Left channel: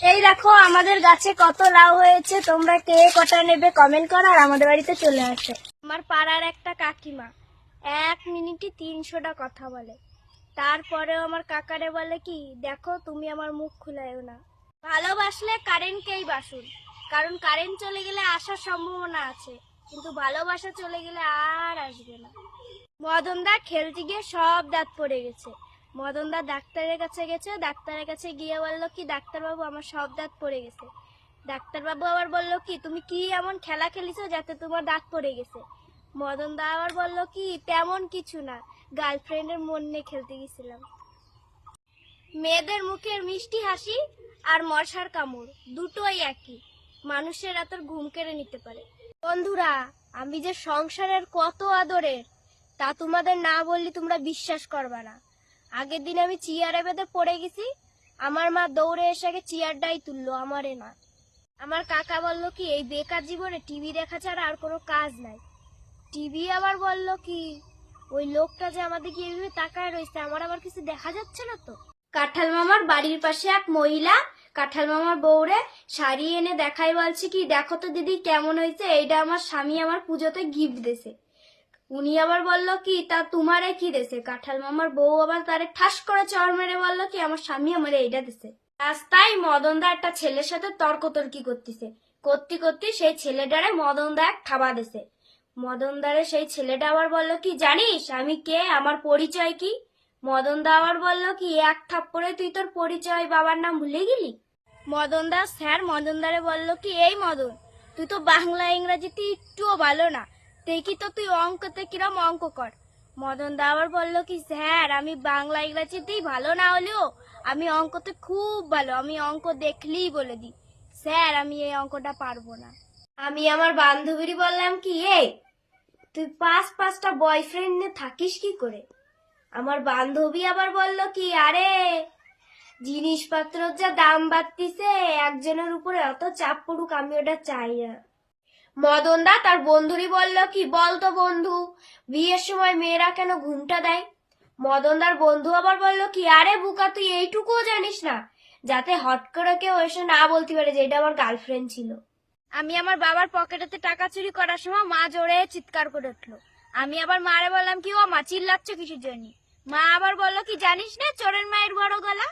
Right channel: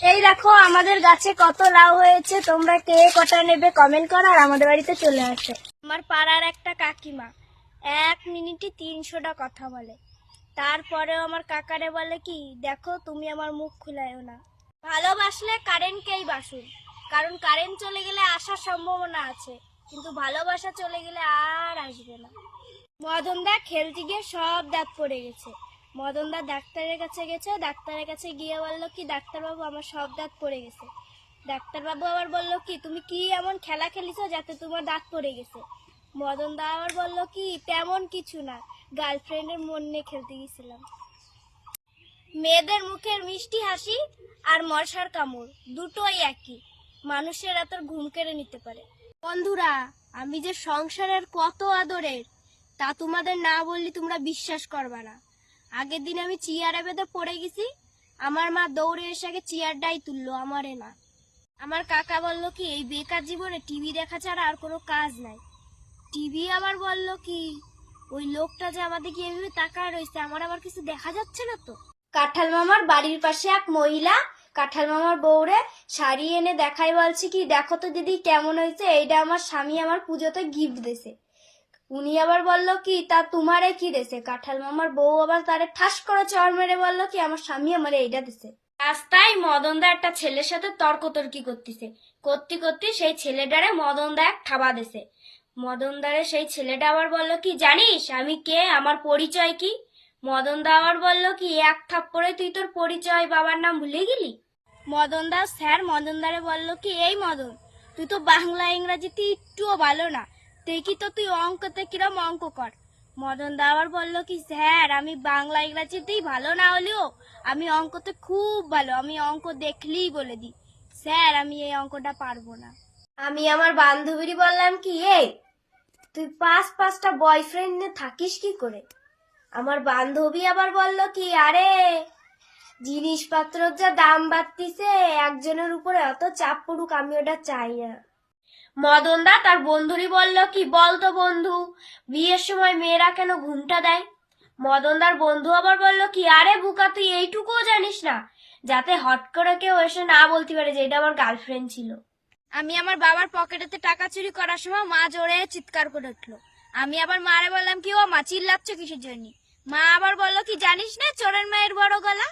এই দেখো, আমাদের গাছে কত লাউ হয়েছে, তোমরা কে কটা নেবে কমেন্ট করো, আর আমাদের বাড়িতে চলে আসো। আমার পাড়ার একটা কাকিমা, এক মিনিটে তিনশোটা কথা বলে। তারপরেও আমার কাকারে বলে কি, দেখো, তুমি আমার মুখ খুলাইও না। ভালোবাসলে কারেন্টকেই বাসুন কারণ কারেন্ট চলে গেলে আসার সম্ভাবনা আছে, কিন্তু ভালোবাসা চলে গেলে আর আসবে না। মদনদা খেলতে গিয়ে সব দাঁত পড়ে গেছে। মদনদা ডাক্তারের কাছে গেছে, ডাক্তারের কাছে গিয়ে বলল, কি ডাক্তারবাবু, আমার সব দাঁত পড়ে গেছে। ডাক্তারবাবু আবার বলল, কি, তুমি কি এমন খেলা খেলিছো যাতে তোমার দাঁত পড়ে গেছে? মদনদা আবার বলল, কি, তেমন কিছু না, গার্লফ্রেন্ডের মন নিয়ে খেলতে গেছিলাম। মেয়েদের মুখের মিষ্টি হাসি আর মশার কামড়, দুটোই একই। মানুষের এত ঘুম কেড়ে নিতে পারে। বন্ধুরা, আমি যে সংসারের কত আদরের, তা তোমাদের না বললে তোমরা বিশ্বাস করবা না। আগের দিন আমি চেয়ারে বেঁধে পড়ে গেছি। আমার মা দৌড়ে এসে আগে চেয়ারটাই তুললো, আমারে না। আমার কাকা বলল কি, এই বেকার জীবনে টিভি দেখা ছাড়া আর কোনো কাজ নাই। টিভি আবার বলল কি, ওই লোকটা যে আমাদের আমাদেরকে এভাবে তাকায় রয়েছে, আমার আবার কিছু দেখা যাচ্ছে না তো? কাঁঠাল মামার বাড়ির পাশে এক মহিলা কাঁঠাল মামার বউরে শাড়ি এনে দেখাই বলছে কি, দেখো তো দিদি কেমন হয়েছে, এইটা আমার স্বামী আমার পুজোতে গিফট দিছে উনি আবার বলল কি, তা তোমারে কি দেশে কাঁঠাল মামার বউ আবার তারে ঠাস করে চর মেরে বলল কি, আমার স্বামী আমার এইটা দিছে। রাস্তায় মদনদা একটা ছেলের সাথে তর্কতর্কি করতেছে। করতে করতে সেই ছেলেটারে মদনদা এক ঠাবা দিছে। মদনদারে সেই ছেলেটা আবার বলল কি, জানিস আমি কে? আমার পরিচয় কি? মদনদা আবার বলল কি, এক থাপ্পড়ে তুই তোর পরিচয় বাবার নাম ভুলে গেলি? মদনদা স্যার মদনদারে বলল কি, এই মদন, তুই তো বাংলা, ইংরাজিতে একটুও ভালো না। দেখি তো তুই অঙ্কতে কিরম অঙ্ক কর। মদন দা আবার বলল কি, স্যার, আমি বাংলা ইংরাজিতেই ভালো না হলেও আমি অঙ্কতে খুব ভালো, আমি অঙ্ক দেখলেই বলে দিই। স্যার, আমি এই অঙ্কটা পারব না। আমি আমার বান্ধবীর বললাম কি এই তুই পাঁচ পাঁচটা বয়ফ্রেন্ড নিয়ে থাকিস কি করে? আমার বান্ধবী আবার বলল কি, আরে, জিনিসপত্রের যা দাম বাড়তিছে, একজনের উপরে অত চাপ পড়ুক, আমি ওটা চাই না। মদনদা তার বন্ধুরই বলল কি বল তো বন্ধু বিয়ের সময় মেয়েরা কেন ঘুমটা দেয়? মদনদার বন্ধু আবার বলল কি আরে বুকা তুই এইটুকুও জানিস না? যাতে হট করে কেউ এসে না বলতে পারে যে এটা আমার গার্লফ্রেন্ড ছিল. আমি আমার বাবার পকেটেতে টাকা চুরি করার সময় মা জোরে চিৎকার করে উঠল। আমি আবার মারে বললাম কি ও মা চিল্লাচ্ছ কিসের জন্য? মা আবার বলল কি জানিস না চোরের মায়ের বড় গলা?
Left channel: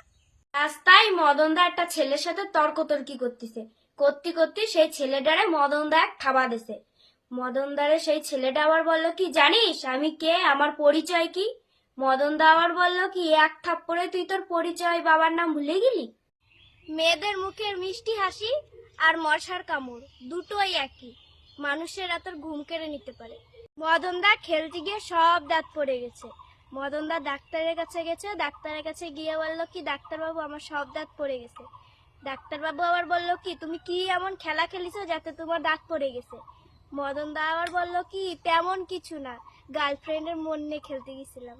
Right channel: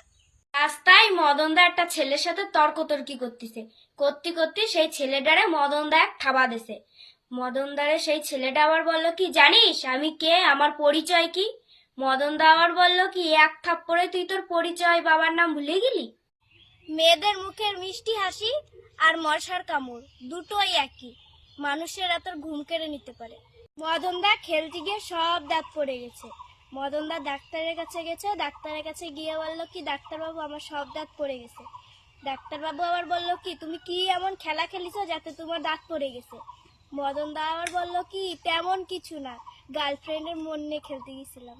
রাস্তায় মদনদা একটা ছেলের সাথে তর্কতর্কি করতেছে। করতে করতে সেই ছেলেটারে মদনদা এক ঠাবা দিছে। মদনদারে সেই ছেলেটা আবার বলল কি, জানিস আমি কে? আমার পরিচয় কি? মদনদা আবার বলল কি, এক থাপ্পড়ে তুই তোর পরিচয় বাবার নাম ভুলে গেলি? মেয়েদের মুখের মিষ্টি হাসি আর মশার কামড় দুটোই একই। মানুষের এত ঘুম কেড়ে নিতে পারে। মদনদা খেলতে গিয়ে সব দাঁত পড়ে গেছে। মদনদা ডাক্তারের কাছে গেছে, ডাক্তারের কাছে গিয়ে বলল কি, ডাক্তারবাবু, আমার সব দাঁত পড়ে গেছে। ডাক্তারবাবু আবার বলল কি, তুমি কি এমন খেলা খেলিছো যাতে তোমার দাঁত পড়ে গেছে? মদনদা আবার বলল কি, তেমন কিছু না, গার্লফ্রেন্ডের মন নিয়ে খেলতে গেছিলাম।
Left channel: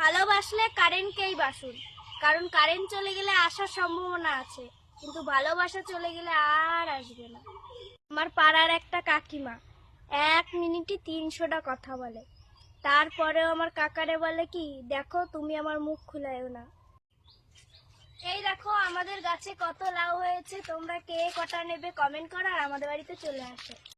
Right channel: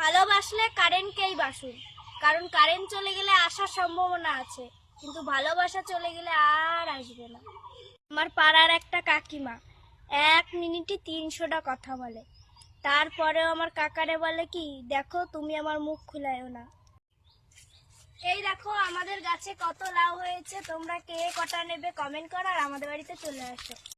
ভালোবাসলে কারেন্টকেই বাসুন কারণ কারেন্ট চলে গেলে আসার সম্ভাবনা আছে, কিন্তু ভালোবাসা চলে গেলে আর আসবে না। আমার পাড়ার একটা কাকিমা, এক মিনিটে তিনশোটা কথা বলে। তারপরেও আমার কাকারে বলে কি, দেখো, তুমি আমার মুখ খুলাইও না। এই দেখো, আমাদের গাছে কত লাউ হয়েছে, তোমরা কে কটা নেবে কমেন্ট করো আর আমাদের বাড়িতে চলে আসো।